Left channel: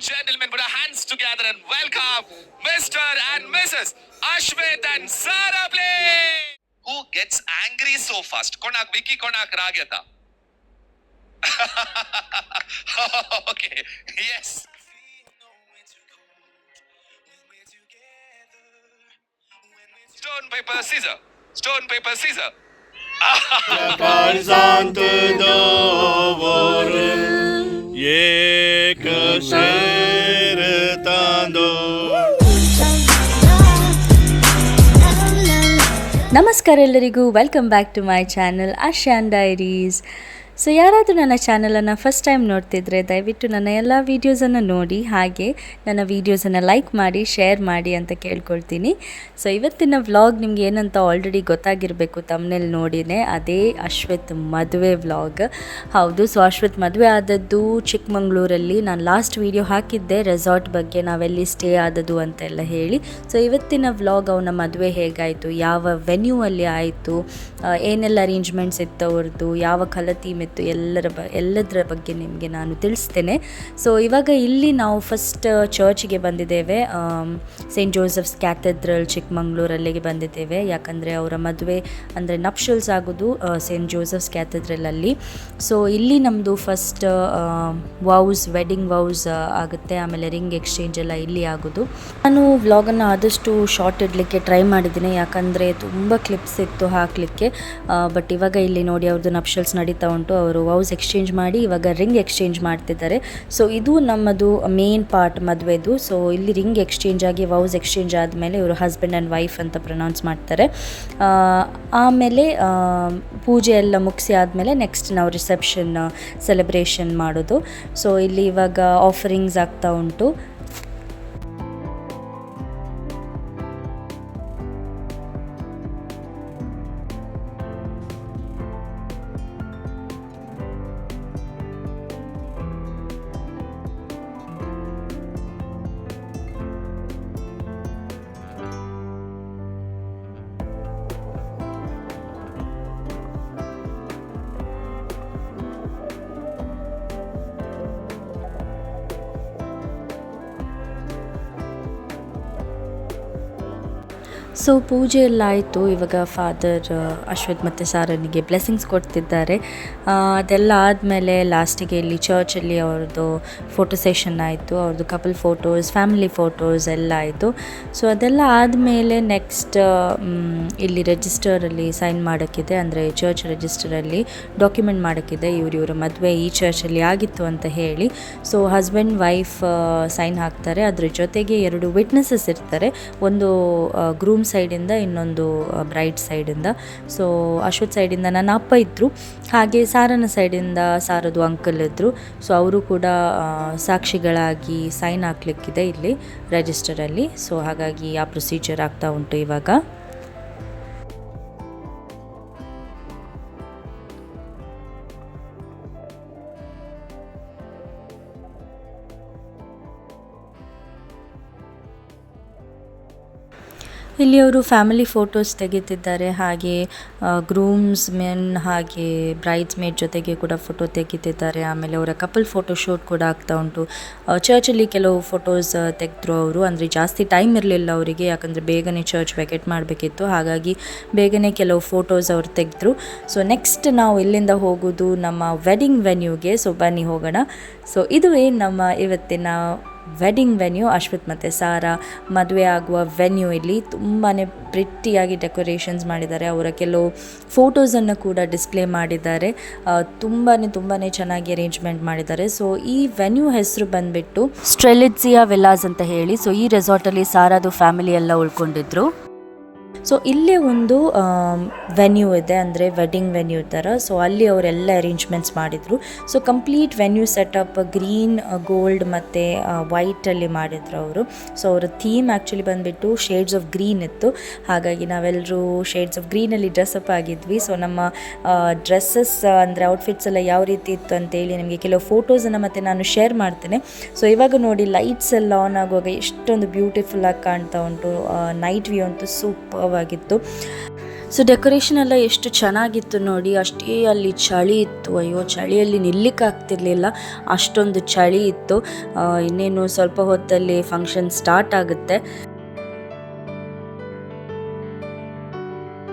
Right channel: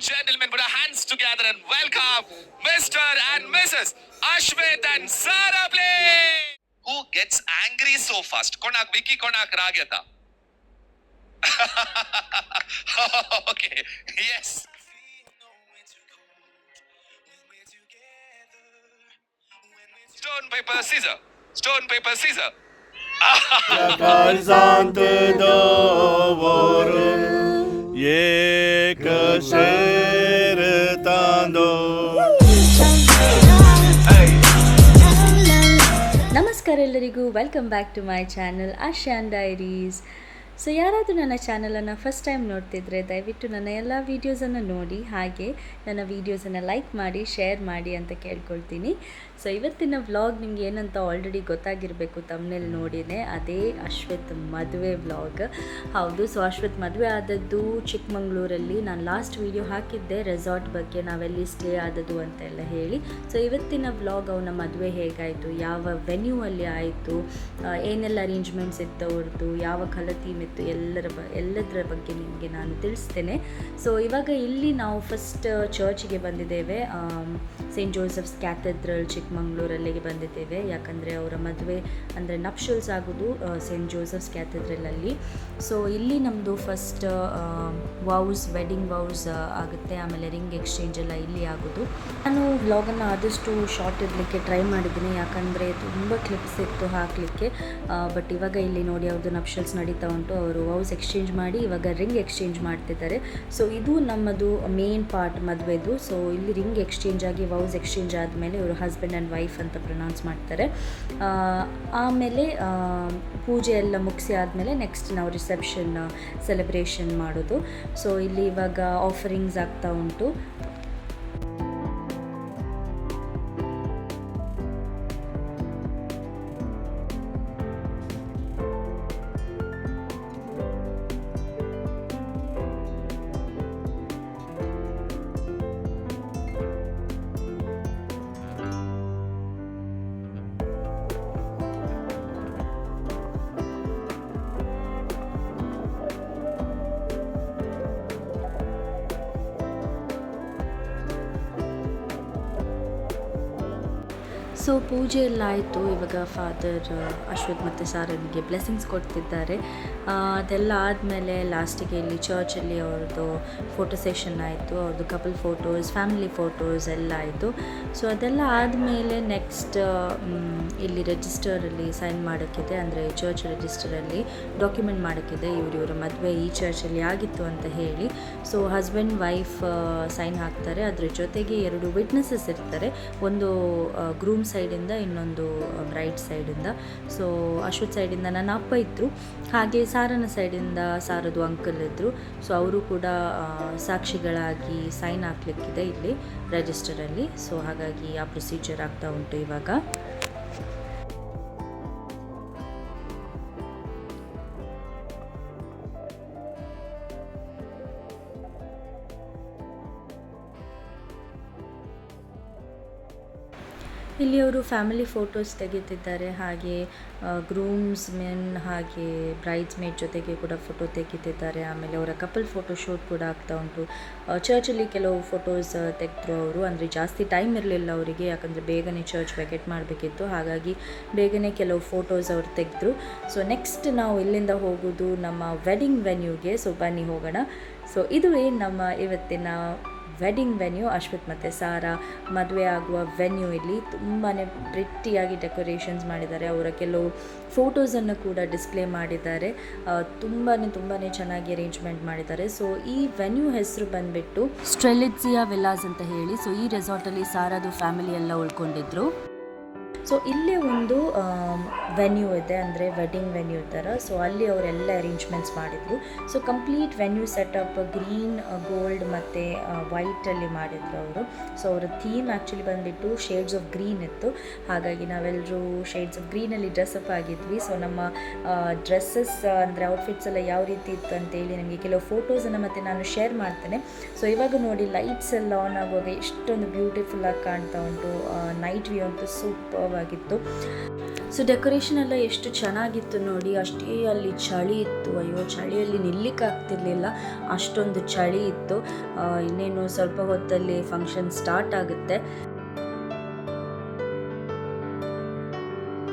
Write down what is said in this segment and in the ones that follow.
and gentlemen, put our hands together and welcome Mr. and Mrs. Ashwit and Sara Blake. Who gets angry so fast? Konak Vicky, Konak Rageta. okay, yes. Stone, paper, scissor. Stone, paper, scissor. Santa Dovoril, Yekasel. ನಮಸ್ಕಾರ ಎಲ್ಲರಿಗೂ. Welcome back to my channel ಆಶಾನ್ diaries so ಯಾರಾದರೂ ನನ್ನ ಚಾನಲನ್ನು first time ನೋಡ್ತಿದ್ರೆ, ದಯವಿಟ್ಟು ನನ್ನ ಎಲ್ಲ ವೀಡಿಯೋಸನ್ನು ನೋಡಿ, ಹಾಗೆ ನನ್ನ ವೀಡಿಯೋಸನ್ನು ಲೈಕ್ ಮಾಡಿ ಶೇರ್ ಮಾಡಿ ಅಂತ ಕೇಳ್ಕೊಳ್ತೀನಿ. ಸೊ ಇವತ್ತಿನ ವ್ಲಾಗ್ ನಿಮ್ಗೆ ಏನಂತ ಆಲ್ರೆಡಿ ಗೊತ್ತಾಗಿರಬೇಕು ತಮ್ಮನೇಲಿ ನೋಡಿನೇ, ಅದೇ ಅಶ್ವಥ್ ಮದುವೆ ವ್ಲಾಗ್ ಹೌದು ಸೊ ಅಶ್ವತ್ ಮದುವೆ ಆದದ್ದು ಚಿಕ್ಕಮಂಗ್ಳೂರಲ್ಲಿ. ನಾನು ಲಾಸ್ಟ್ ವೀಡಿಯೋ ಹಾಕಿದ್ದೆ ರೆಸಾರ್ಟ್ ಬಗ್ಗೆ ನಾವೆಲ್ಲಿ ಸ್ಟೇ ಆದದ್ದು ಅಂತೆಲ್ಲ ಹೇಳಿ. ಸೊ ಇವತ್ತಿನ ವ್ಲಾಗ್ ಅವನ ಮದುವೆ ಹೇಗಾಯಿತು? ಯಾವ ವೆನ್ಯೂ ಅಲ್ಲಿ ಆಯಿತು? ಏನೆಲ್ಲ ಅರೇಂಜ್ಮೆಂಟ್ಸ್ ಇತ್ತು ಅವ್ರದ್ದು? ಯಾವ ಕಲರ್ ಇತ್ತು ಎಲ್ಲರ ಬ, ಎಲ್ಲದರ ಬಗ್ಗೆ ನಿಮಗೆ ನಾನು ತಿಳಿಸ್ತೇನೆ. ಸೊ ಇವಾಗ ಇಲ್ಲಿ ನಾವು ಫಸ್ಟ್ ಚರ್ಚ್ಗೆ ಬಂದಿದ್ದೇವೆ. ಸೇಂಟ್ ಜೋಸೆಫ್ಸ್ ಕ್ಯಾಥೆಡ್ರಲ್ ಚಿಕ್ಕಮಂಗ್ಳೂರಲ್ಲಿಗೆ ಬಂದಿದ್ದೇವೆ. ಯಾಕಂದರೆ ಅವರ ಮದುವೆ ಅಂದರೆ ನಪ್ಶಲ್ಸ್ ಆಗೋದು ಸೇಂಟ್ ಜೋಸೆಫ್ಸ್ ಕ್ಯಾಥೆಡ್ರಲಲ್ಲಿ ಸೊ ಇಲ್ಲಿ ನಮ್ಮದು ಫಸ್ಟ್ ವೌಸ್ ವೆಡ್ಡಿಂಗ್ ವೌಸ್ ಆಗುತ್ತೆ. ಆಮೇಲೆ ರಿಂಗ್ ಎಕ್ಸ್ಚೇಂಜ್ ಎಲ್ಲ ಇಲ್ಲಿ ಆಗೋದು. ನಾನು ವ್ಲಾಗನ್ನು ಆದಷ್ಟು ಶಾರ್ಟ್ ಇಡಲಿಕ್ಕೆ ಟ್ರೈ ಮಾಡಿದ್ದೀನಿ. ಯಾಕಂದರೆ ತುಂಬ ಕ್ಲಿಪ್ಸ್ ಇತ್ತು ಹಾಕಲಿಕ್ಕೆ. ಬಟ್ ಇವಾಗ ಇಲ್ಲಿ ನೋಡಿ ಅವ್ರದ್ದು ನಪ್ಶಲ್ಸ್ ನಡೀತಾ ಉಂಟು. ಅವರು ವೌಸ್ ಎಕ್ಸ್ಚೇಂಜ್ ಮಾಡಿ ಇವಾಗ ರಿಂಗ್ ಎಕ್ಸ್ಚೇಂಜ್ ಮಾಡ್ತಿದ್ದಾರೆ. ಸೊ ಇದು ನಮ್ಮದು ಮೇನ್ ಪಾರ್ಟ್ ಮದುವೆದು. ಸೊ ಇಲ್ಲಿ ರಿಂಗ್ ಎಕ್ಸ್ಚೇಂಜ್ ಆಗಿ ವೌಸ್ ಎಕ್ಸ್ಚೇಂಜ್ ಆದಮೇಲೆ ಇವರು ಹಸ್ಬೆಂಡ್ ಆ್ಯಂಡ್ ವೈಫ್ ಅಂತ ಪ್ರೊನೌನ್ಸ್ ಮಾಡ್ತಾರೆ. ಆಮೇಲೆ ಪೂಜೆ ಎಲ್ಲ ಮುಗಿಸಿ ಆದಮೇಲೆ ನೆಕ್ಸ್ಟ್ ನಾವು ರಿಸೆಪ್ಷನ್ ಸೆಲೆಬ್ರೇಷನ್ ಮಾಡೋದು. ಸೊ ಇಲ್ಲಿ ಇವಾಗ ಆಫರಿಂಗ್ಸ್ ಆಗ್ತಾ ಉಂಟು. ಪೂಜೆ ಎಲ್ಲ ಆಯಿತು. ಇವಾಗ ಫಾದರ್ ಅಶ್ವಥ್ ಮತ್ತು ಸಾರನಿಗೆ ಬ್ಲೆಸ್ಸಿಂಗ್ಸ್ ಕೊಡ್ತಿದ್ದಾರೆ. ಅದೆಲ್ಲ ಆದಮೇಲೆ ಲಾಸ್ಟಿಗೆ ಇಲ್ಲಿ ಚರ್ಚಲ್ಲಿ ಅವ್ರದ್ದು ಫೋಟೋ ಸೆಷನ್ ಆಯಿತು. ಅವ್ರದ್ದು ಕಪಲ್ ಫೋಟೋಸ್ ಫ್ಯಾಮಿಲಿ ಫೋಟೋಸ್ ಎಲ್ಲ ಆಯಿತು. ಸೊ ಅದೆಲ್ಲ ಆದಮೇಲೆ ನೆಕ್ಸ್ಟ್ ಇಲ್ಲಿ ರಿಜಿಸ್ಟರಲ್ಲಿ ಸೈನ್ ಮಾಡೋಕ್ಕಿದೆ. ಅಂದರೆ ಚರ್ಚ್ ರಿಜಿಸ್ಟರಲ್ಲಿ ಡಾಕ್ಯುಮೆಂಟ್ ಮಾಡೋಕ್ಕಿದೆ. ಇವರು ಇವರ ಮದುವೆ ಈ ಚರ್ಚಲ್ಲಿ ಆಗಿತ್ತು ಅಂತ ಹೇಳಿ. ಸೊ ಹಸ್ಬೆಂಡ್ ವೈಫ್ ಸೈನ್ ಹಾಕ್ತಾರೆ. ಅದ್ರ ಜೊತೆಗೆ ಎರಡು ವಿಟ್ನೆಸಸ್ ಇರ್ತಾರೆ. ಒಂದು ಗ್ರೂಮ್ ಸೈಡಿಂದ ಇನ್ನೊಂದು ಬ್ರೈಟ್ ಸೈಡಿಂದ ಸೊ ಅಶ್ವಥ್ ಸೈಡಿಂದ ನನ್ನ ಅಪ್ಪ ಇದ್ದರು ಹಾಗೆ ಸಾರನ ಸೈಡಿಂದ ಸಾರದು ಅಂಕಲ್ ಇದ್ದರು ಸೊ ಅವರು ಕೂಡ ಸಾಕ್ಷಿಗಳಾಗಿ ಸೈನ್ ಹಾಕ್ಲಿಕ್ಕಿದೆ ಇಲ್ಲಿ ರಿಜಿಸ್ಟರಲ್ಲಿ ಸೊ ಹಾಗಾಗಿ ಆ ಪ್ರೊಸೀಜರ್ ಆಗ್ತಾ ಉಂಟು ಇವಾಗ. ಇಲ್ಲಿ ಅವರು ಫ್ಯಾಮಿಲಿ ಫೋಟೋಸ್ ತೆಗೆತಿದ್ದಾರೆ. ಹಾಗೆ ಗ್ರೂಮ್ಸ್ ಮೆನ್ ಹಾಗೆ ಬ್ರೈಡ್ಸ್ ಮೇಡ್ ಜೊತೆಗೆ ಕೂಡ ಫೋಟೋ ತೆಗೆತಿದ್ದಾರೆ. ಆಮೇಲೆ ಅವರ ಕಪಲ್ ಫೋಟೋ ಶೂಟ್ ಕೂಡ ಆಗ್ತಾ ಉಂಟು. ಚರ್ಚಲ್ಲಿ ಕೆಲವು ಫೋಟೋಸ್ ತೆಗೆದ್ರು ಅವರು. ಅಂದರೆ ಜಾಸ್ತಿ ಟೈಮ್ ಇರಲಿಲ್ಲ ಅವರಿಗೆ. ಯಾಕಂದರೆ ಬೇಗನೆ ಚರ್ಚ್ ವೆಕೆಟ್ ಮಾಡಬೇಕಿತ್ತು. ಹಾಗಾಗಿ ಬೇಗನೆ ಕೆಲವು ಫೋಟೋಸ್ ಅವ್ರು ತೆಗೆದ್ರು. ಸೊ, ನೆಕ್ಸ್ಟ್ ನಾವು ಇಲ್ಲಿಂದ ಹೋಗೋದು ನಮ್ಮ ವೆಡ್ಡಿಂಗ್ ವೆನ್ಯೂಗೆ. ಸೊ, ಬನ್ನಿ ಹೋಗೋಣ. ಸೊ ಇದುವೇ ನಮ್ಮ ಇವತ್ತಿನ ವೆಡ್ಡಿಂಗ್ ವೆನ್ಯೂ, ಅಶ್ವಿತ್ ಮತ್ತು ಸಾರಾ ಮದುವೆ ಆಗುವ ವೆನ್ಯೂ ಇಲ್ಲಿ ತುಂಬಾ ಪ್ರಿಟ್ಟಿಯಾಗಿ ಡೆಕೋರೇಷನ್ಸ್ ಮಾಡಿದ್ದಾರೆ. ಅವರ ಕೆಲವು ಫೋಟೋಸನ್ನು ಕೂಡ ಡಿಸ್ಪ್ಲೇ ಮಾಡಿದ್ದಾರೆ. ತುಂಬಾ ತುಂಬಾ ಚೆನ್ನಾಗಿ ಅರೇಂಜ್ಮೆಂಟ್ ಮಾಡಿದ್ದಾರೆ. ಸೊ ಈ ವೆನ್ಯೂ ಹೆಸರು ಬಂದುಬಿಟ್ಟು ಸ್ಟ್ರೆಲಿಟ್ಸಿಯಾ ವಿಲಾಸ್ ಅಂತ ಹೇಳಿ. ಸೊ ಈ ರೆಸಾರ್ಟಲ್ಲಿ ಸಾರಾದು ಫ್ಯಾಮಿಲಿ ಎಲ್ಲ ಉಳ್ಕೊಂಡಿದ್ರು. ಸೊ ಇಲ್ಲೇ ಒಂದು ವೆನ್ಯೂ ಇದೆ, ಅಂದರೆ ವೆಡ್ಡಿಂಗ್ ವೆನ್ಯೂ ಥರ ಸೊ ಅಲ್ಲಿ ಅವರೆಲ್ಲ ಅರೇಂಜ್ಮೆಂಟ್ಸ್ ಮಾಡಿದರು. So complete venue setup green gold ಮತ್ತು ವೈಟಲ್ಲಿ ಮಾಡಿದರು ಅವರು. ಸೊ ಅವರ ಥೀಮ್ ಆ್ಯಕ್ಚುಲಿ ಬಂದುಬಿಟ್ಟು ಶೇಡ್ಸ್ ಆಫ್ ಗ್ರೀನ್ ಇತ್ತು. ಹಾಗಾಗಿ ನಾವೆಲ್ಲರೂ ಶೇಡ್ಸ್ ಆಫ್ ಗ್ರೀನಲ್ಲಿ ಡ್ರೆಸ್ಅಪ್ ಆಗಿದ್ವಿ. ಸೊ ನಮ್ಮ ಡ್ರೆಸ್ಸಸ್ ಅಂದರೆ ಔಟ್ಫಿಟ್ಸ್ ಎಲ್ಲ ಯಾವ ರೀತಿ ಇತ್ತು ಅಂತೇಳಿ ನಿಮಗೆ ಕೆಲವು ಫೋಟೋಸನ್ನು ಮತ್ತು ನಾನು ಶೇರ್ ಮಾಡ್ತೇನೆ. ಸೊ ಇವಾಗ ನೋಡಿ ಲೈಟ್ಸ್ ಎಲ್ಲ ಆನ್ ಆಗುವಾಗ ಎಷ್ಟೊಂದು ಬ್ಯೂಟಿಫುಲ್ಲಾಗಿ ಕಾಣ್ತಾ ಉಂಟು. ನೈಟ್ ವ್ಯೂ ಅಂತೂ ಸೂಪರ್ ಆಗಿತ್ತು ಸೊ ಡೆಕೋರೇಷನ್ ಎಲ್ಲ ಎಷ್ಟು ಚೆನ್ನಾಗಿತ್ತು ನೋಡಿ, ಅಷ್ಟೇ ಅಲ್ಲಿ ಚಳಿ ಇತ್ತು. ಅಯ್ಯೋ, ಚಳಿಯಲ್ಲಿ ನಿಲ್ಲಿಕ್ಕೆ ಆಗ್ತಿರ್ಲಿಲ್ಲ. ಅಷ್ಟೊಂದು ಚಳಿ ಇತ್ತು. ಇನ್ನೇನು ಸ್ವಲ್ಪ ಹೊತ್ತಲ್ಲಿ ಫಂಕ್ಷನ್ ಸ್ಟಾರ್ಟ್ ಆಗುತ್ತೆ.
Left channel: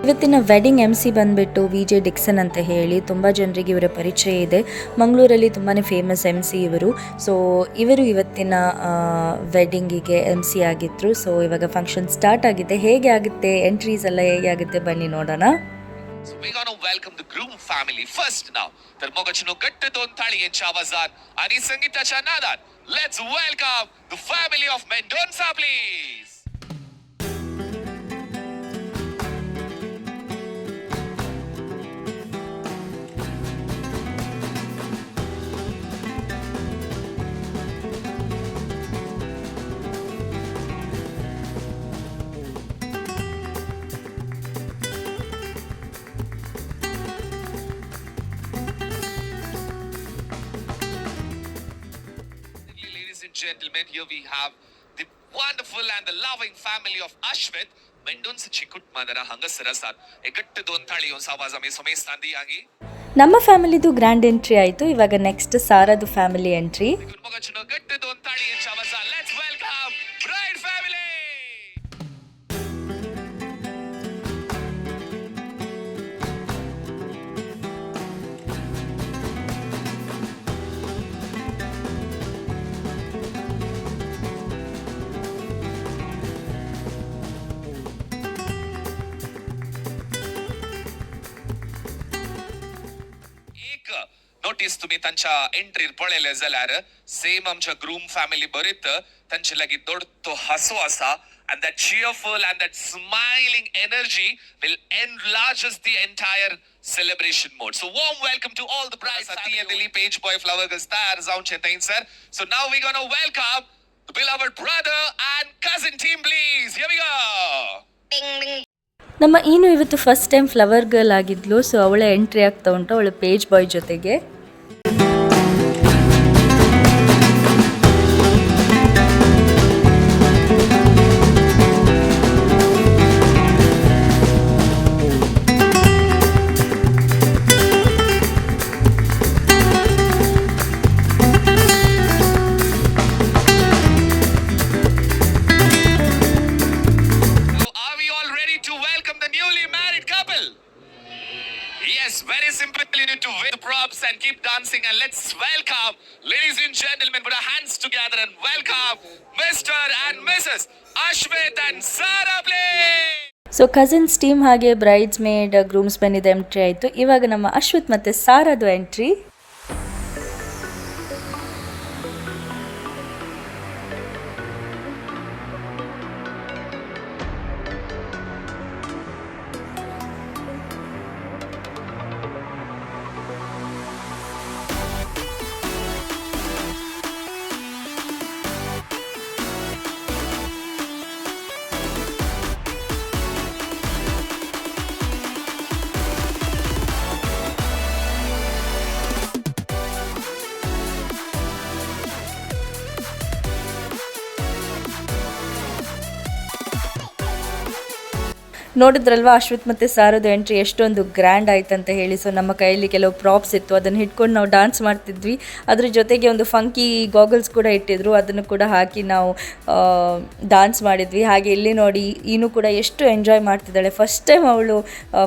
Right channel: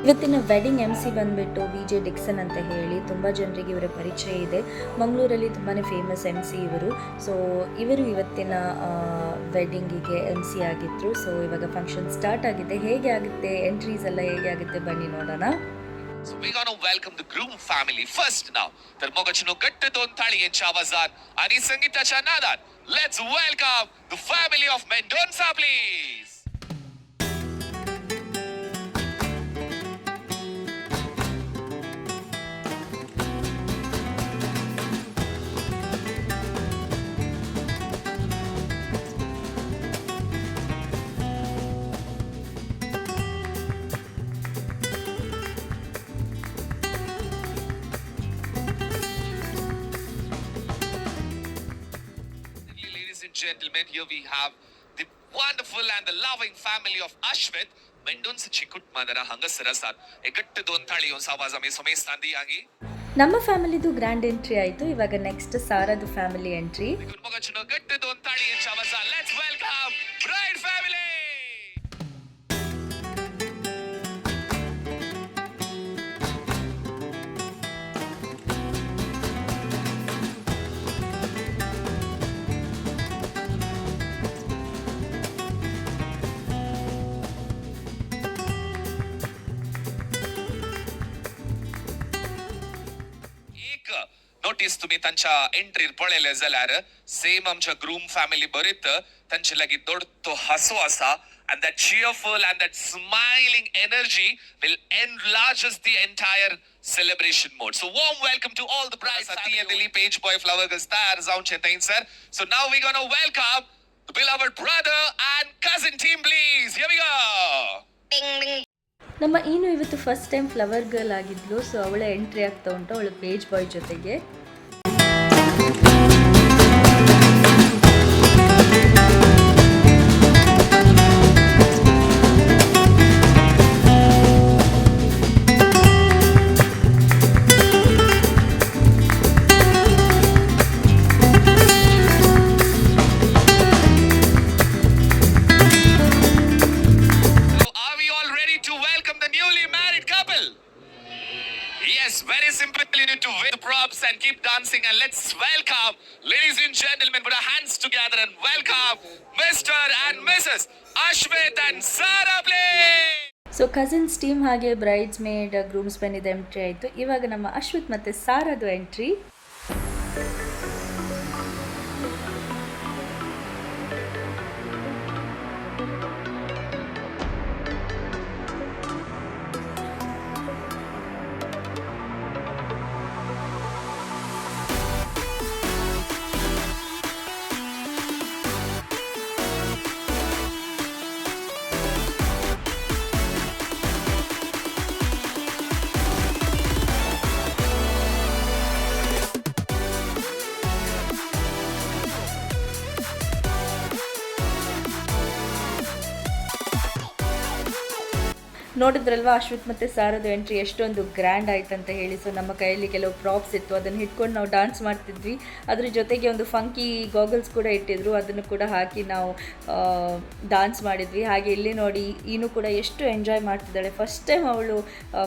ಇವತ್ತಿನ ವೆಡ್ಡಿಂಗ್ ಎಂ ಸಿ ಬಂದುಬಿಟ್ಟು ವಿ ಜೆ ಡಿಕ್ಸನ್ ಅಂತ ಹೇಳಿ ತುಂಬ ಜನರಿಗೆ ಇವರ ಪರಿಚಯ ಇದೆ ಮಂಗಳೂರಲ್ಲಿ ತುಂಬಾ ಫೇಮಸ್ ಎಂ ಸಿ ಇವರು ಸೊ ಇವರು ಇವತ್ತಿನ ವೆಡ್ಡಿಂಗಿಗೆ ಎಂ ಸಿ ಆಗಿದ್ರು ಸೊ ಇವಾಗ ಫಂಕ್ಷನ್ ಸ್ಟಾರ್ಟ್ ಆಗಿದೆ ಹೇಗೆ ಆಗುತ್ತೆ ಎಂಟ್ರೀಸ್ ಎಲ್ಲ ಹೇಗೆ ಆಗುತ್ತೆ ಬನ್ನಿ ನೋಡೋಣ So we're gonna welcome the groom family first now. Dharmogachino Gatta Donthali and Chavazan and his Sangita Chanadar. Let's welcome the family of Mendonza, please. And gentlemen, here we have the wonderful and the loving family of Ashwin Mendonsa ಚಿಕ್ಕುಟ್ ಮದರ ಹಂಗಸರ ಸಾರ್ ಎಗಟ್ಟು ದೋನ್ ತಾಳಿ ಒಂದ್ ಸಾವಾಜ ಮೇ ಸೊಮೇಸ್ ತಂದಿಯಾಗಿ ನಮ್ಮ ಫ್ಯಾಮಿಲಿದು grand entry ಆಯ್ತು. ಇವಾಗ ನೆಕ್ಸ್ಟ್ ಸಾರದು ಫ್ಯಾಮಿಲಿ ಎಂಟ್ರಿ ಗುಡ್ ಗಟ್ಟು ದೋನ್ ತಾಳಿ ಎಂಚ ಸಾವಾಜ let's welcome bride family एक नोटीस तुम्ही त्यांच्या एंट्रीर पळयले जाल्यार सेम आमच्या ग्रूम फॅमिली बरीत तांचे लागीं दोड तो हांसो आसा and that cheerful and that smiling energy will enlarge us the entire celebration mode. So warm welcome to all the brides. Atiya Dilip Page Boy Flower Girls tayar जाऊन chetain sir. So now we're gonna welcome the beloved brother and cousin team please. Here we go. ನಮ್ಮ ಏನು ಇವತ್ತು first time flower girl ಆಗಿದ್ಲು so ಅವಳ entry ಆಗ್ತಾ ಉಂಟು, ಅವಳ page ಬಾಯ್ ಜೊತೆಗೆ. Let's welcome, ladies and gentlemen, put our hands together and welcome Mr. and Mrs. Ashwit and Sarah, Play. So cousins team ಹಾಗೆ ಬ್ರೈಡ್ಸ್ ಮೇಡ್ ಗ್ರೂಮ್ಸ್ ಬಂದಿದ್ದ entry ಆಯಿತು ಇವಾಗ ನಮ್ಮ ಅಶ್ವಥ್ ಮತ್ತು ಸಾರದು ಎಂಟ್ರಿ ನೋಡಿದ್ರಲ್ವಾ ಅಶ್ವಥ್ ಮತ್ತು ಸಾರದು ಎಂಟ್ರಿ ಎಷ್ಟೊಂದು ಗ್ರ್ಯಾಂಡ್ ಆಯ್ತು ಅಂತ ಹೇಳಿ ಸೊ ನಮ್ಮ ಕೈಯಲ್ಲಿ ಕೆಲವು ಪ್ರಾಪ್ಸ್ ಇತ್ತು ಅದನ್ನು ಹಿಡ್ಕೊಂಡು ನಾವು ಡಾನ್ಸ್ ಮಾಡ್ತಿದ್ವಿ ಅದ್ರ ಜೊತೆಗೆ ಒಂದು ಫಂಕಿ ಗಾಗಲ್ಸ್ ಕೂಡ ಇಟ್ಟಿದ್ರು ಅದನ್ನು ಕೂಡ ಹಾಕಿ ನಾವು ಡಾನ್ಸ್ ಮಾಡಿದ್ವಿ ಹಾಗೆ ಇಲ್ಲಿ ನೋಡಿ ಈನು ಕೂಡ ಎಷ್ಟು ಎಂಜಾಯ್ ಮಾಡ್ತಿದ್ದಾಳೆ ಫಸ್ಟ್ ಟೈಮ್ ಅವಳು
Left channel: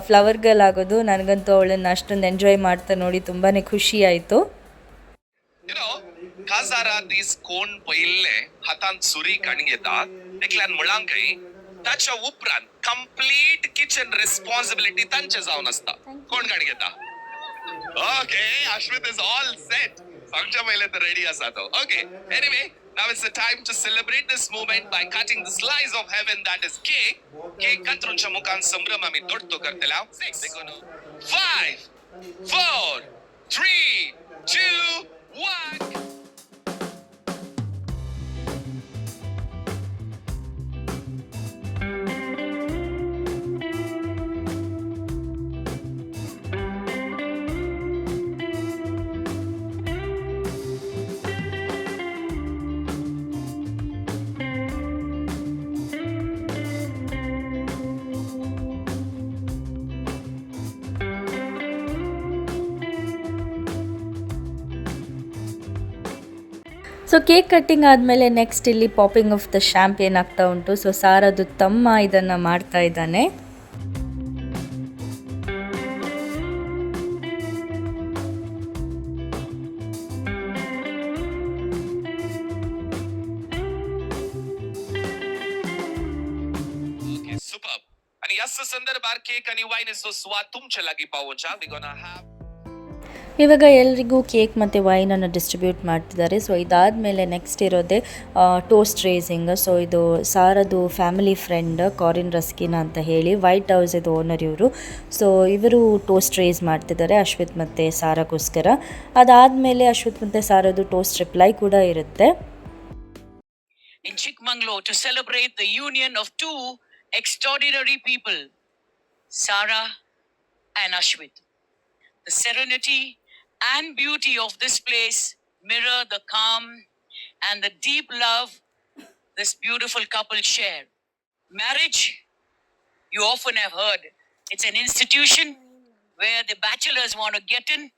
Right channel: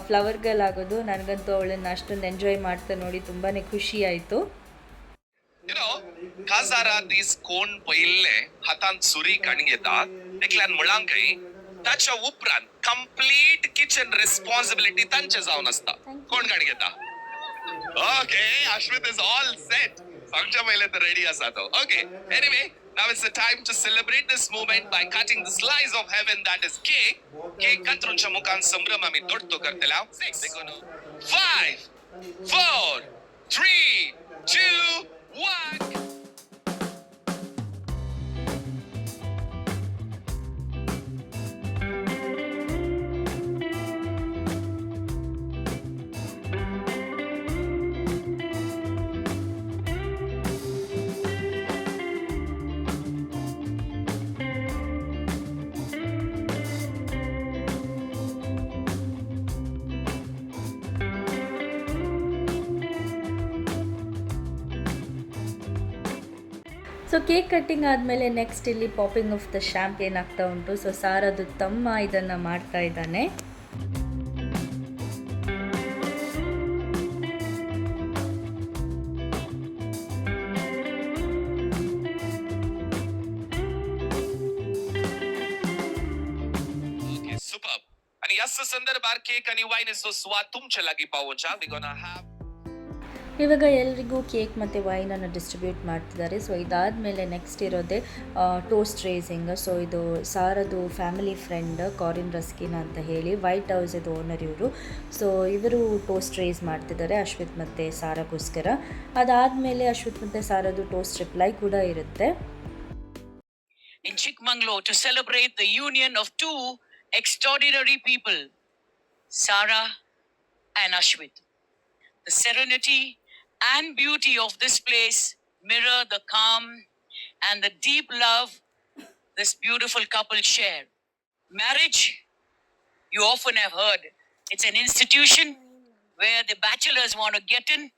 ಫ್ಲವರ್ ಗರ್ಲ್ ಆಗೋದು ನನಗಂತೂ ಅವಳನ್ನು ಅಷ್ಟೊಂದು ಎಂಜಾಯ್ ಮಾಡ್ತಾ ನೋಡಿ ತುಂಬಾ ಖುಷಿ ಆಯಿತು You know, Kazara these cone पहिले हातान सुरी कणगेता देखल्यान मुळांकय ताच्या उपरांत कंप्लीट किचन रिस्पॉन्सिबिलिटी तांचे जावन आसता कोण कणगेता okay Ashwit is all set आमच्या पहिले तर रेडी आसा तो okay anyway Now it's the time to celebrate this moment by cutting the slice of heaven that is cake. Cake कतरूनच्या मुखान संभ्रम आम्ही तोडतो करतला. Six. Five, four, three, two, one. So cake cutting ಆದಮೇಲೆ ನೆಕ್ಸ್ಟ್ ಇಲ್ಲಿ ಪಾಪಿಂಗ್ ಆಫ್ ದ ಶ್ಯಾಂಪ್ ಆಗ್ತಾ ಉಂಟು. ಸೊ ಸಾರದು ತಮ್ಮ ಇದನ್ನು ಮಾಡ್ತಾ ಇದ್ದಾನೆ. ಸಂದರ್ಭ ಕೇಕ್ બાર કેક અને વાઇન સો સ્વાદ તુમ ચલાગી પાવો ಇವಾಗ ಎಲ್ರಿಗೂ ಕೇಕ್ ಮತ್ತು ವೈನನ್ನು ಡಿಸ್ಟ್ರಿಬ್ಯೂಟ್ ಮಾಡ್ತಿದ್ದಾರೆ. ಸೊ ಇದಾದಮೇಲೆ ನೆಕ್ಸ್ಟ್ ಇರೋದೇ ಟೋಸ್ಟ್ ರೇಸಿಂಗ್ ಸೊ ಇದು ಸಾರದು ಫ್ಯಾಮಿಲಿ ಫ್ರೆಂಡ್ ಕಾರಿನ್ ರಸ್ಕಿನ ಅಂತ ಹೇಳಿ ವೈಟ್ ಹೌಸ್ ಇದು ಓನರ್ ಇವರು. ಸೊ ಇವರು ಟೋಸ್ಟ್ ರೇಸ್ ಮಾಡ್ತಿದ್ದಾರೆ ಅಶ್ವಿತ್ ಮತ್ತು ಸಾರಗೋಸ್ಕರ. ಅದಾದಮೇಲೆ ಅಶ್ವಿತ್ ಮತ್ತು ಸಾರದು ಟೋಸ್ಟ್ ರಿಪ್ಲೈ ಕೂಡ ಇರುತ್ತೆ. In Chikmangalore to celebrate the union of two extraordinary people, Sarah and Ashwit. The serenity and beauty of this place mirror the calm and the deep love this beautiful couple share. Marriage, you often have heard, it's an institution where the bachelors want to get in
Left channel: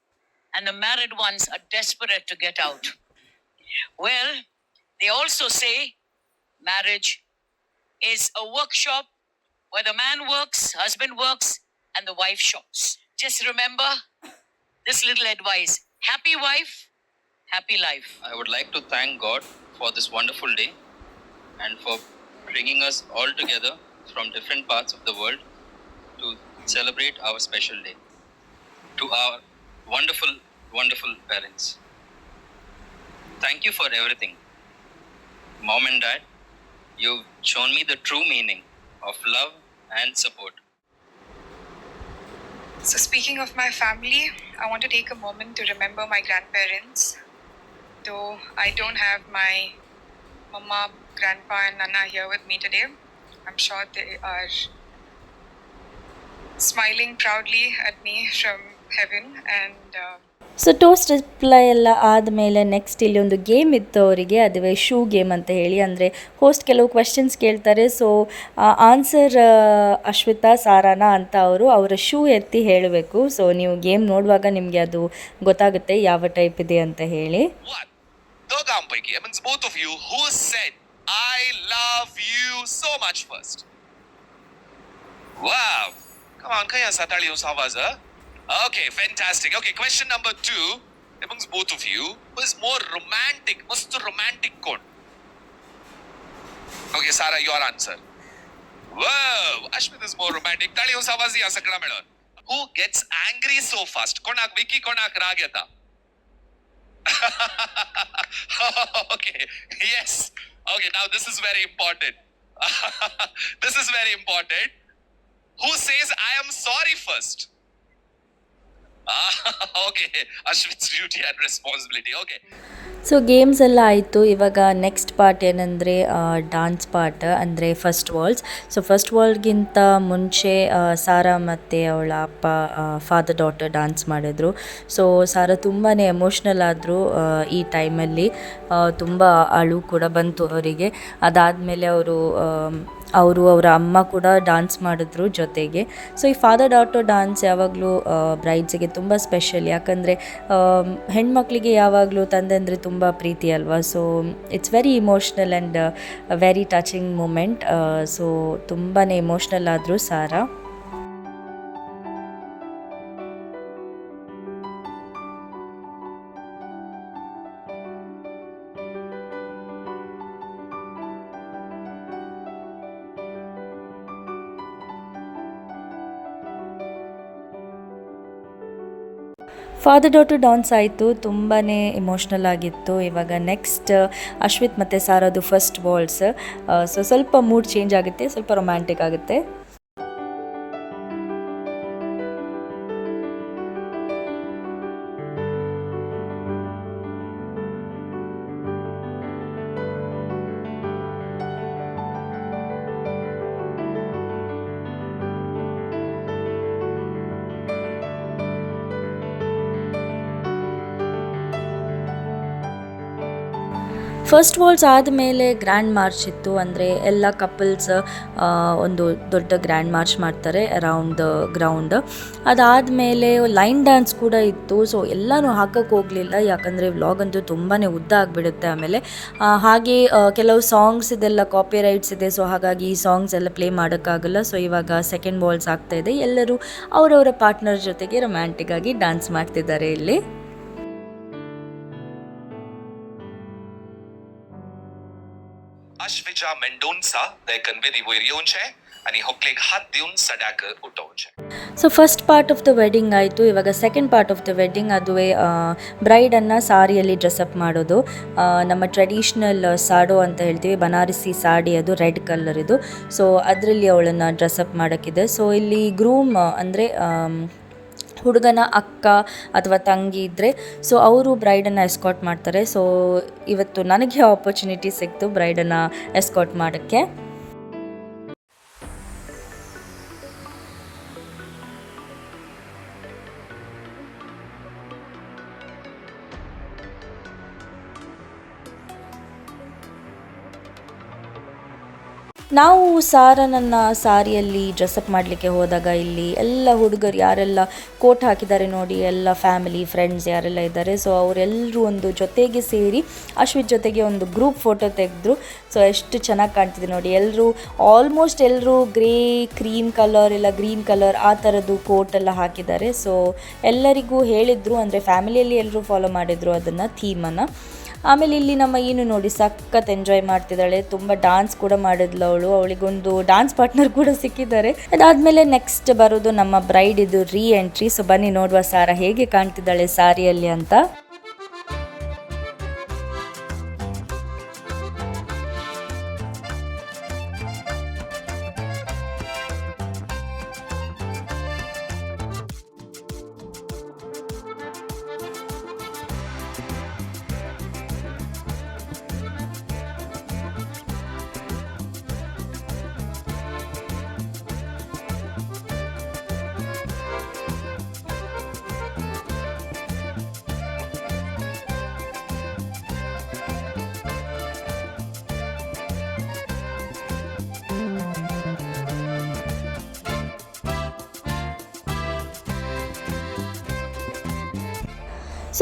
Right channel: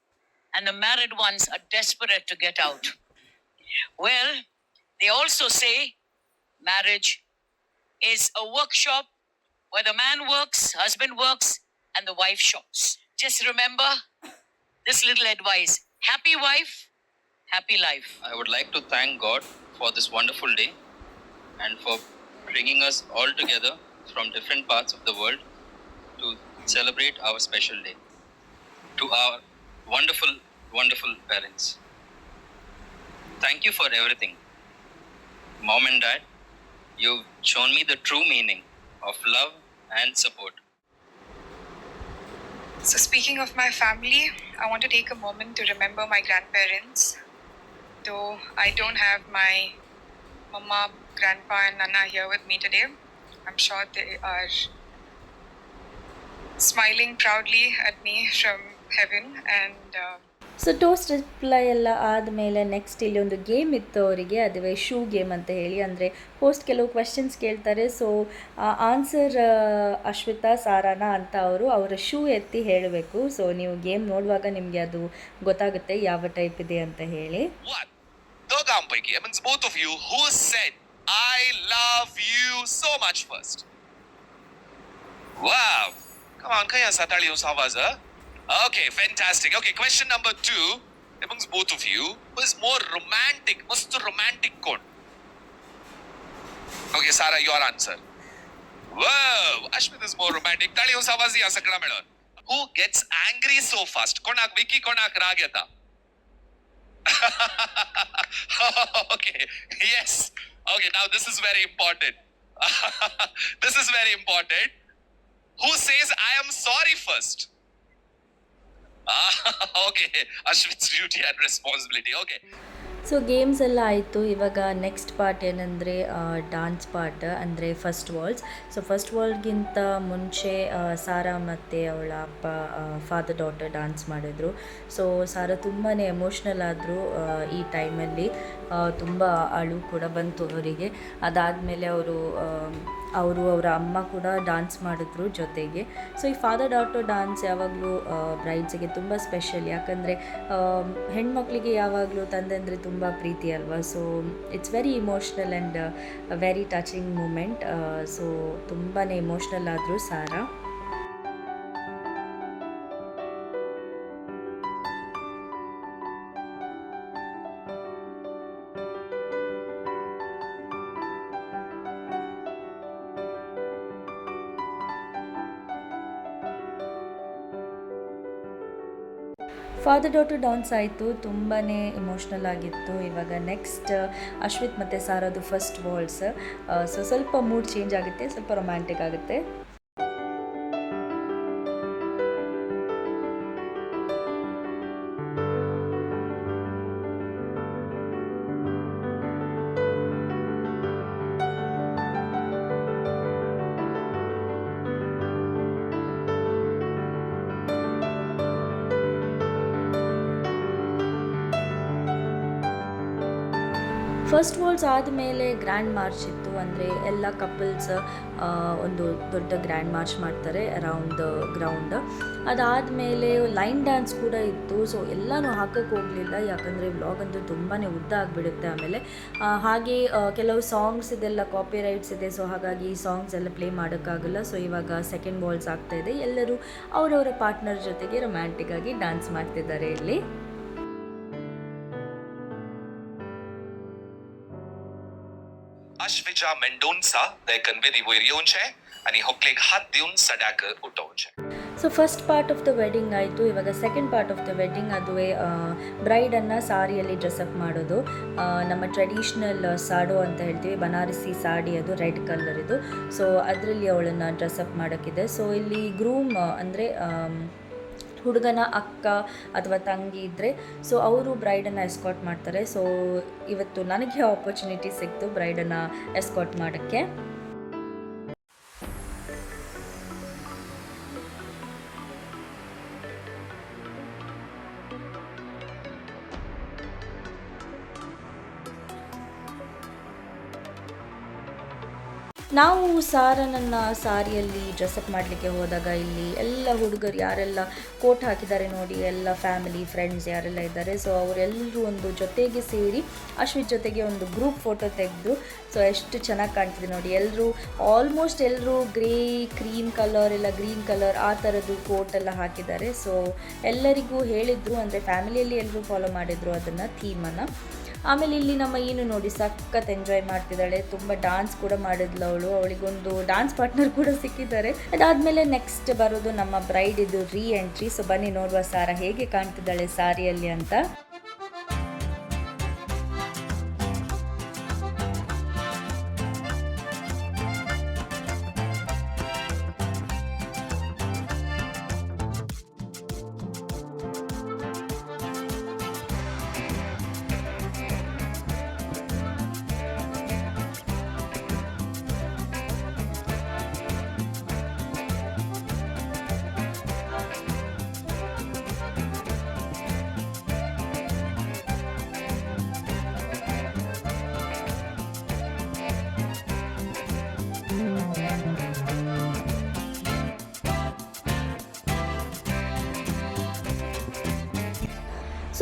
and the married ones are desperate to get out. Well, they also say marriage is a workshop where the man works, husband works, and the wife shops. Just remember this little advice happy wife, happy life. I would like to thank God for this wonderful day and for bringing us all together from different parts of the world to celebrate our special day. To our wonderful, wonderful parents, thank you for everything. Mom and Dad, you've shown me the true meaning of love and support. So, speaking of my family, I want to take a moment to remember my grandparents. Though I don't have my mama, grandpa, and nana here with me today, I'm sure they are smiling proudly at me from heaven. And uh, so toast reply ಎಲ್ಲ ಆದಮೇಲೆ next ಇಲ್ಲಿ ಒಂದು game ಇತ್ತು ಅವರಿಗೆ, ಅದುವೇ shoe game ಅಂತ ಹೇಳಿ. ಅಂದರೆ ಹೋಸ್ಟ್ ಕೆಲವು ಕ್ವೆಶನ್ಸ್ ಕೇಳ್ತಾರೆ. ಸೊ ಆನ್ಸರ್ ಅಶ್ವಿತಾ, ಸಾರಾನ ಅಂತ ಅವರು ಅವರ ಶೂ ಎತ್ತಿ ಹೇಳಬೇಕು. ಸೊ ನೀವು ಗೇಮ್ ನೋಡುವಾಗ ನಿಮಗೆ ಅದು ಗೊತ್ತಾಗುತ್ತೆ ಯಾವ ಟೈಪ್ ಇದೆ ಅಂತ ಹೇಳಿ. Okay, fantastic. Okay, question number two amongst both of you who is more romantic. What's the romantic code? Okay, Sarah, your answer. Wow, Ashmit is more romantic. Tali Usavazi Asakra Melon. Who gets angry so fast? Konak Vicky, Konak Rageta. okay, yes. Okay, now this is very important. this is very important. Who says I am sorry first? Okay. Ashwin's duty responsibility okay. So games ಎಲ್ಲ ಆಯಿತು. ಇವಾಗ next part ಏನಂದರೆ dance part ಅಂದರೆ first waltz so first ವಾಲ್ಗಿಂತ ಮುಂಚೆ Sarah ಮತ್ತು ಅವಳ ಅಪ್ಪ ಫಾದರ್ ಡಾಟರ್ ಡಾನ್ಸ್ ಮಾಡಿದ್ರು. ಸೊ ಸಾರಾ ತುಂಬಾ ಎಮೋಷ್ನಲ್ ಆದರು ಈ ಟೈಮಲ್ಲಿ ತುಂಬ ಅಳು ಕೂಡ ಬಂತು ಅವರಿಗೆ. ಅದಾದಮೇಲೆ ಅವರು ಅವರು ಅವರ ಅಮ್ಮ ಕೂಡ ಡಾನ್ಸ್ ಮಾಡಿದ್ರು ಜೊತೆಗೆ. ಸೊ ಈ ಫಾದರ್ ಡಾಟರ್ ಡಾನ್ಸ್ ಯಾವಾಗಲೂ ಬ್ರೈಡ್ಸಿಗೆ ತುಂಬ ಸ್ಪೆಷಲ್ ಯಾಕಂದರೆ ಹೆಣ್ಮಕ್ಳಿಗೆ ಯಾವಾಗಲೂ ತಂದೆ ಅಂದರೆ ತುಂಬ ಪ್ರೀತಿ ಅಲ್ವಾ? So it's very emotional and very touching moment so ತುಂಬಾ ಇಮೋಷ್ನಲ್ ಆದರೂ ಸಾರಾ. ಫಾದರ್ ಡಾಟರ್ ಡಾನ್ಸ್ ಆಯಿತು ತುಂಬಾ ಇಮೋಷ್ನಲ್ ಆಗಿತ್ತು. ಇವಾಗ ನೆಕ್ಸ್ಟ್ ಅಶ್ವಿತ್ ಮತ್ತು ಸಾರದು ಫಸ್ಟ್ ವಾಲ್ಸ್ ಸೊ ಸ್ವಲ್ಪ ಮೂಡ್ ಚೇಂಜ್ ಆಗುತ್ತೆ, ಸ್ವಲ್ಪ ರೊಮ್ಯಾಂಟಿಕ್ ಆಗುತ್ತೆ. ಫಸ್ಟ್ ವಾಲ್ಸ್ ಆದಮೇಲೆ ಗ್ರ್ಯಾಂಡ್ ಮಾರ್ಚ್ ಇತ್ತು. ಅಂದರೆ ಎಲ್ಲ ಕಪಲ್ಸ್ ಒಂದು ದೊಡ್ಡ ಗ್ರ್ಯಾಂಡ್ ಮಾರ್ಚ್ ಮಾಡ್ತಾರೆ ಅರೌಂಡ್ ದ ಗ್ರೌಂಡ್ ಅದಾದಮೇಲೆ ಲೈನ್ ಡ್ಯಾನ್ಸ್ ಕೂಡ ಇತ್ತು. ಸೊ ಎಲ್ಲನೂ ಹಾಕಕ್ಕೆ ಹೋಗಲಿಲ್ಲ. ಯಾಕಂದರೆ ವ್ಲಾಗ್ ಅಂತೂ ತುಂಬಾ ಉದ್ದ ಆಗಿಬಿಡುತ್ತೆ ಆಮೇಲೆ. ಹಾಗೆ ಕೆಲವು ಸಾಂಗ್ಸ್ ಇದೆಲ್ಲ ಕಾಪಿ ರೈಟ್ಸ್ ಇದೆ. ಸೊ ಹಾಗಾಗಿ ಈ ಸಾಂಗ್ಸ್ ಎಲ್ಲ ಪ್ಲೇ ಮಾಡೋಕ್ಕಾಗಲ್ಲ. ಸೊ ಇವಾಗ ಸೆಕೆಂಡ್ ಬಾಲ್ಸ್ ಆಗ್ತಾ ಇದೆ. ಎಲ್ಲರೂ ಅವರವರ ಪಾರ್ಟ್ನರ್ ಜೊತೆಗೆ ರೊಮ್ಯಾಂಟಿಕ್ ಆಗಿ ಡ್ಯಾನ್ಸ್ ಮಾಡ್ತಿದ್ದಾರೆ ಇಲ್ಲಿ. Ashvija Mendonça, der kann wir die Voirionche, आणि ಹೊಕ್ಲಿಗೆ ಹಾತ್ ದೇವ್ನ ಸಡ್ಯಾಕ ಊಟವಂಚೆ so first part of the wedding ಆಯಿತು ಇವಾಗ second part of the wedding ಅದುವೇ ಬ್ರೈಡನ್ನು ಸಾರಿಯಲ್ಲಿ ಡ್ರೆಸ್ಅಪ್ ಮಾಡೋದು. ನಮ್ಮ ಟ್ರೆಡಿಷ್ನಲ್ ಸಾಡೋ ಅಂತ ಹೇಳ್ತೀವಿ ಬನಾರಸಿ ಸಾಡಿ ಅದು ರೆಡ್ ಕಲರ್ ಇದು. ಸೊ ಅದರಲ್ಲಿ ಅವಳನ್ನು ಡ್ರೆಸ್ಅಪ್ ಮಾಡೋಕ್ಕಿದೆ. ಸೊ ಇಲ್ಲಿ ಗ್ರೂಮ್ ಅಂದರೆ ಹುಡುಗನ ಅಕ್ಕ ಅಥವಾ ತಂಗಿ ಇದ್ದರೆ ಸೊ ಅವರು ಬ್ರೈಡನ್ನು ಎಸ್ಕಾಟ್ ಮಾಡ್ತಾರೆ. ಸೊ ಇವತ್ತು ನನಗೆ ಆಪರ್ಚುನಿಟಿ ಸಿಕ್ತು ಬ್ರೈಡನ್ನು ಎಸ್ಕಾಟ್ ಮಾಡೋಕ್ಕೆ. ನಾವು ಸಾರನನ್ನು ಸಾರಿಯಲ್ಲಿ ಡ್ರೆಸ್ಅಪ್ ಮಾಡಲಿಕ್ಕೆ ಹೋದಾಗ ಇಲ್ಲಿ ಎಲ್ಲ ಹುಡುಗರು ಯಾರೆಲ್ಲ ಕೋಟ್ ಹಾಕಿದ್ದಾರೆ ನೋಡಿ, ಎಲ್ಲ ಫ್ಯಾಮಿಲಿ ಫ್ರೆಂಡ್ಸ್ ಯಾರೆಲ್ಲ ಇದ್ದಾರೆ. ಸೊ ಅವರೆಲ್ಲರೂ ಒಂದು ಜೊತೆಗೆ ಸೇರಿ ಅಶ್ವಿತ್ ಜೊತೆಗೆ ಒಂದು ಗ್ರೂಪ್ ಫೋಟೋ ತೆಗೆದ್ರು ಸೊ ಎಷ್ಟು ಚೆನ್ನಾಗಿ ಕಾಣ್ತಿದೆ ನೋಡಿ. ಎಲ್ಲರೂ ಆಲ್ಮೋಸ್ಟ್ ಎಲ್ಲರೂ ಗ್ರೇ ಕ್ರೀಮ್ ಕಲರ್ ಇಲ್ಲ ಗ್ರೀನ್ ಕಲರ್ ಆ ಥರದ್ದು ಕೋಟ್ ಎಲ್ಲ ಹಾಕಿದ್ದಾರೆ. ಸೊ ಎಲ್ಲರಿಗೂ ಹೇಳಿದರು ಅಂದರೆ ಫ್ಯಾಮಿಲಿಯಲ್ಲಿ ಎಲ್ಲರೂ ಫಾಲೋ ಮಾಡಿದರು ಅದನ್ನು ಥೀಮನ್ನು ಆಮೇಲೆ ಇಲ್ಲಿ ನಮ್ಮ ಏನು ನೋಡಿ ಸಖತ್ ಎಂಜಾಯ್ ಮಾಡ್ತಿದ್ದಾಳೆ. ತುಂಬ ಡಾನ್ಸ್ ಕೂಡ ಮಾಡಿದ್ಲು ಅವಳು. ಅವಳಿಗೊಂದು ಡಾನ್ಸ್ ಪಾರ್ಟ್ನರ್ ಕೂಡ ಸಿಕ್ಕಿದ್ದಾರೆ. ಅದಾದ್ಮೇಲೆ ನೆಕ್ಸ್ಟ್ ಬರೋದು ನಮ್ಮ ಬ್ರೈಡ್ ಇದು ರೀ ಎಂಟ್ರಿ ಸೊ ಬನ್ನಿ ನೋಡುವ ಸಾರ ಹೇಗೆ ಕಾಣ್ತಿದ್ದಾಳೆ ಸಾರಿಯಲ್ಲಿ ಅಂತ.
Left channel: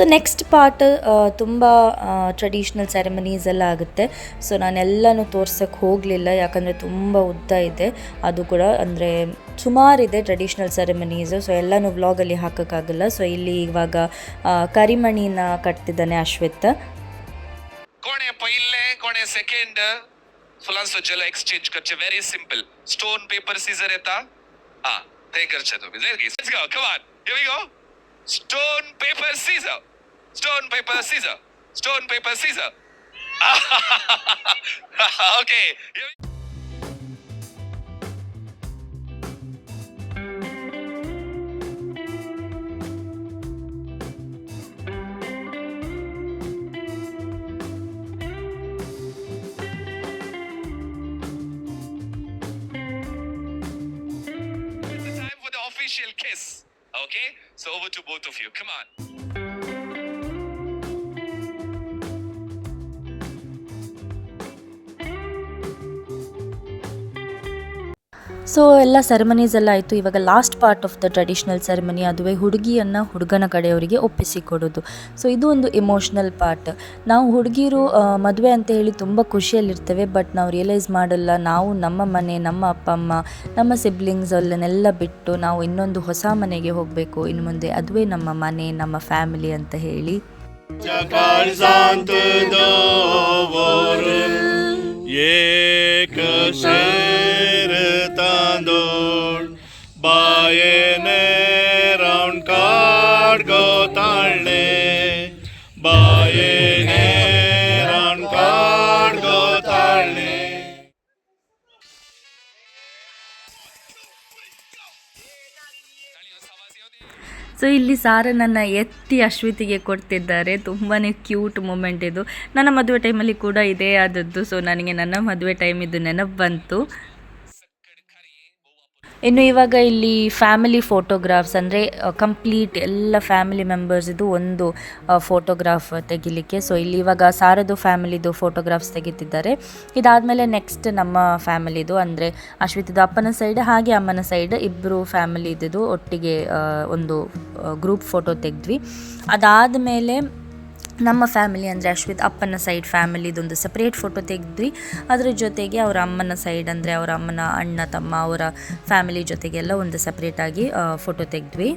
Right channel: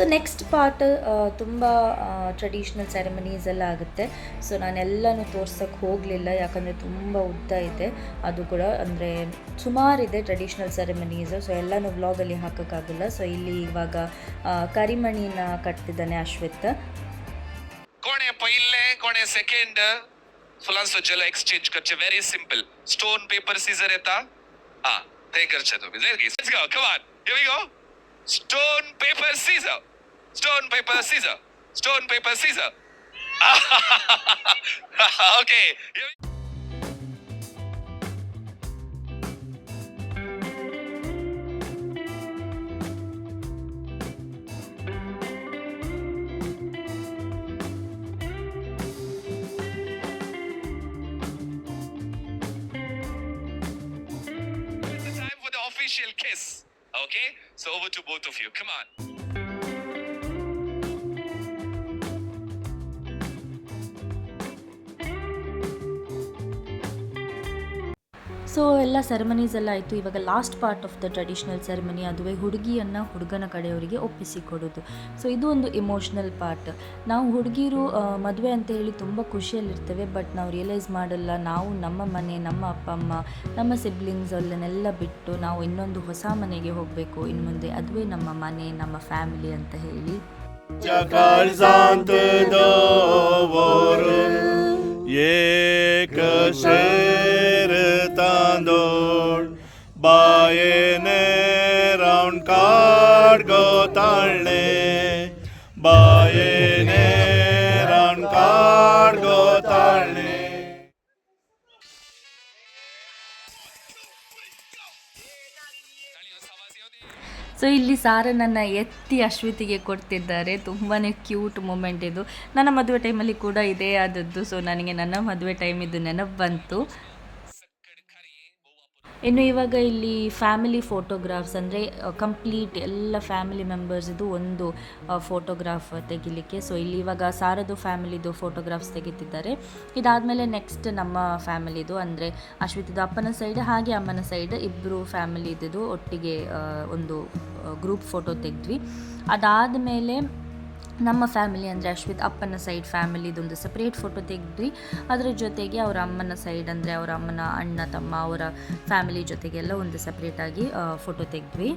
ಸೊ ನೆಕ್ಸ್ಟ್ ಪಾರ್ಟ್ ತುಂಬ ಟ್ರೆಡಿಷ್ನಲ್ ಸೆರೆಮನೀಸ್ ಎಲ್ಲ ಆಗುತ್ತೆ. ಸೊ ನಾನೆಲ್ಲನೂ ತೋರ್ಸೋಕ್ಕೆ ಹೋಗಲಿಲ್ಲ, ಯಾಕಂದರೆ ತುಂಬ ಉದ್ದ ಇದೆ. ಅದು ಕೂಡ ಅಂದರೆ ಸುಮಾರಿದೆ ಟ್ರೆಡಿಷ್ನಲ್ ಸೆರೆಮನೀಸು ಸೊ ಎಲ್ಲನೂ ವ್ಲಾಗಲ್ಲಿ ಹಾಕೋಕ್ಕಾಗಲ್ಲ. ಸೊ ಇಲ್ಲಿ ಇವಾಗ ಕರಿಮಣಿನ ಕಟ್ತಿದ್ದಾನೆ ಅಶ್ವಿತ್. ಕೋಣೆ ಪೈಲೆ ಕೋಣೆ ಸೆಕೆಂಡ್ ಫುಲಾಸು ಜಲ ಎಕ್ಸ್ಚೇಂಜ್ ಖರ್ಚು very simple stone paper scissor ಎತ್ತಾ ಹಾ ತೇ ಖರ್ಚದು stone paper scissor Stone, paper, scissors. Stone, paper, scissors. okay. It's the time for the official kiss. Okay? So over to both of you. Come on. So ಎಲ್ಲ ceremonies ಎಲ್ಲ ಆಯಿತು. ಇವಾಗ last part of the traditional ceremony ಅದುವೇ ಹುಡುಗಿಯನ್ನು ಹುಡುಗನ ಕಡೆಯವರಿಗೆ ಒಪ್ಪಿಸಿಕೊಡೋದು so ಇದು ಒಂದು emotional part ನಾವು ಹುಡುಗಿರು ಮದುವೆ ಅಂತ ಹೇಳಿ ತುಂಬ ಖುಷಿಯಲ್ಲಿರ್ತೇವೆ. ಬಟ್ ನಾವು ರಿಯಲೈಸ್ ಮಾಡಲ್ಲ, ನಾವು ನಮ್ಮ ಮನೆ, ನಮ್ಮ ಅಪ್ಪ, ಅಮ್ಮ, ನಮ್ಮ ಸಿಬ್ಲಿಂಗ್ಸ್ ಅಲ್ಲನ್ನೆಲ್ಲ ಬಿಟ್ಟು ನಾವು ಇನ್ನೊಂದು ಹೊಸ ಮನೆಗೆ ಹೋಗಬೇಕು. ಇನ್ನು ಮುಂದೆ ಅದುವೇ ನಮ್ಮ ಮನೆ, ನಮ್ಮ ಫ್ಯಾಮಿಲಿ ಅಂತ ಹೇಳಿ. Çakar sandı doğru Ye kaşer tandır Bayene so ಇಲ್ಲಿ ಸಾರನನ್ನು ಎತ್ತಿ ಅಶ್ವಿತಿಗೆ ಕೊಡ್ತಿದ್ದಾರೆ. ತುಂಬಾ ಕ್ಯೂಟ್ ಮೂಮೆಂಟ್ ಇದು. ನನ್ನ ಮದುವೆ ಟೈಮಲ್ಲಿ ಕೂಡ ಇದೇ ಆದದ್ದು. ಸೊ ನನಗೆ ನನ್ನ ಮದುವೆ ಟೈಮ್ ಇದು ನೆನಪು ಬಂತು. ಇನ್ನು ಇವಾಗ ಇಲ್ಲಿ ಫ್ಯಾಮಿಲಿ ಫೋಟೋಗ್ರಾಫ್ಸ್ ಅಂದರೆ ಕಂಪ್ಲೀಟ್ ಎಲ್ಲ ಫ್ಯಾಮಿಲಿ ಮೆಂಬರ್ಸಿದು ಒಂದು ಫೋಟೋಗ್ರಾಫ್ ತೆಗಿಲಿಕ್ಕೆ. ಸೊ ಇಲ್ಲಿ ಇವಾಗ ಸಾರದು ಫ್ಯಾಮಿಲಿದು ಫೋಟೋಗ್ರಾಫ್ಸ್ ತೆಗಿತಿದ್ದಾರೆ. ಇದಾದಮೇಲೆ ನೆಕ್ಸ್ಟ್ ನಮ್ಮ ಫ್ಯಾಮಿಲಿದು ಅಂದರೆ, ಅಶ್ವಿತದು ಅಪ್ಪನ ಸೈಡ್ ಹಾಗೆ ಅಮ್ಮನ ಸೈಡ್ ಇಬ್ಬರು ಫ್ಯಾಮಿಲಿದು ಒಟ್ಟಿಗೆ ಒಂದು ಗ್ರೂಪ್ ಫೋಟೋ ತೆಗೆದ್ವಿ. ಅದಾದಮೇಲೆ ನಮ್ಮ ಫ್ಯಾಮಿಲಿ ಅಂದರೆ ಅಶ್ವಿತ್ ಅಪ್ಪನ ಸೈಡ್ ಫ್ಯಾಮಿಲಿದೊಂದು ಸಪ್ರೇಟ್ ಫೋಟೋ ತೆಗೆದ್ವಿ. ಅದರ ಜೊತೆಗೆ ಅವರ ಅಮ್ಮನ ಸೈಡ್ ಅಂದರೆ ಅವರ ಅಮ್ಮನ ಅಣ್ಣ ತಮ್ಮ ಅವರ ಫ್ಯಾಮಿಲಿ ಜೊತೆಗೆಲ್ಲ ಒಂದು ಸಪ್ರೇಟಾಗಿ ಫೋಟೋ ತೆಗೆದ್ವಿ.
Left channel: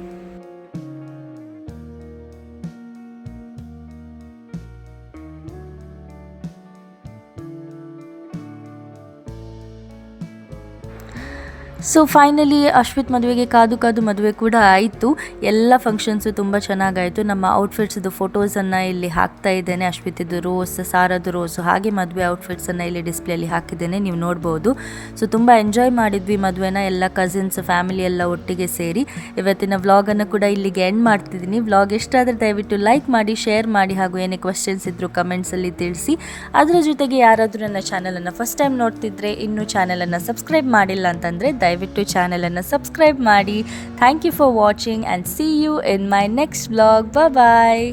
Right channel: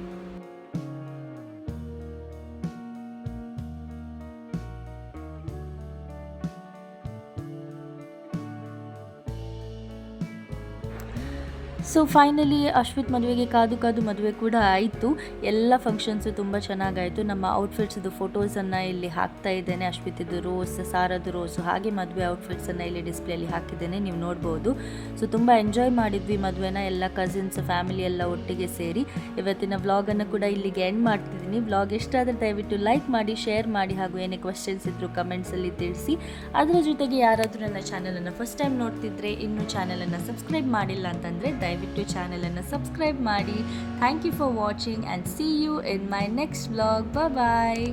ಸೊ ಫೈನಲಿ ಅಶ್ವಿತ್ ಮದುವೆಗೆ ಕಾದು ಕಾದು ಮದುವೆ ಕೂಡ ಆಯಿತು. ಎಲ್ಲ ಫಂಕ್ಷನ್ಸು ತುಂಬ ಚೆನ್ನಾಗಾಯಿತು. ನಮ್ಮ ಔಟ್ಫಿಟ್ಸ್ದು ಫೋಟೋಸನ್ನು ಇಲ್ಲಿ ಹಾಕ್ತಾ ಇದ್ದೇನೆ. ಅಶ್ವಿತಿದ್ದು ರೋಸ್ ಸಾರದು ರೋಸು ಹಾಗೆ ಮದುವೆ ಔಟ್ಫಿಟ್ಸನ್ನು ಇಲ್ಲಿ ಡಿಸ್ಪ್ಲೇಲಿ ಹಾಕಿದ್ದೇನೆ. ನೀವು ನೋಡ್ಬೋದು. ಸೊ ತುಂಬ ಎಂಜಾಯ್ ಮಾಡಿದ್ವಿ ಮದುವೆನ. ಎಲ್ಲ ಕಸಿನ್ಸ್ ಫ್ಯಾಮಿಲಿ ಎಲ್ಲ ಒಟ್ಟಿಗೆ ಸೇರಿ. ಇವತ್ತಿನ ವ್ಲಾಗನ್ನು ಕೂಡ ಇಲ್ಲಿಗೆ ಎಂಡ್ ಮಾಡ್ತಿದ್ದೀನಿ. ವ್ಲಾಗ್ ಎಷ್ಟಾದರೂ ದಯವಿಟ್ಟು ಲೈಕ್ ಮಾಡಿ ಶೇರ್ ಮಾಡಿ ಹಾಗೂ ಏನೇ ಕ್ವೆಶನ್ಸ್ ಇದ್ದರೂ ಕಮೆಂಟ್ಸಲ್ಲಿ ತಿಳಿಸಿ. ಅದರ ಜೊತೆಗೆ ಯಾರಾದರೂ ನನ್ನ ಚಾನಲನ್ನು ಫಸ್ಟ್ ಟೈಮ್ ನೋಡ್ತಿದ್ರೆ, ಇನ್ನೂ ಚಾನಲನ್ನು ಸಬ್ಸ್ಕ್ರೈಬ್ ಮಾಡಿಲ್ಲ ಅಂತಂದರೆ ದಯವಿಟ್ಟು ಚಾನಲನ್ನು ಸಬ್ಸ್ಕ್ರೈಬ್ ಮಾಡಿ. Thank you for watching and see you in my next blog bye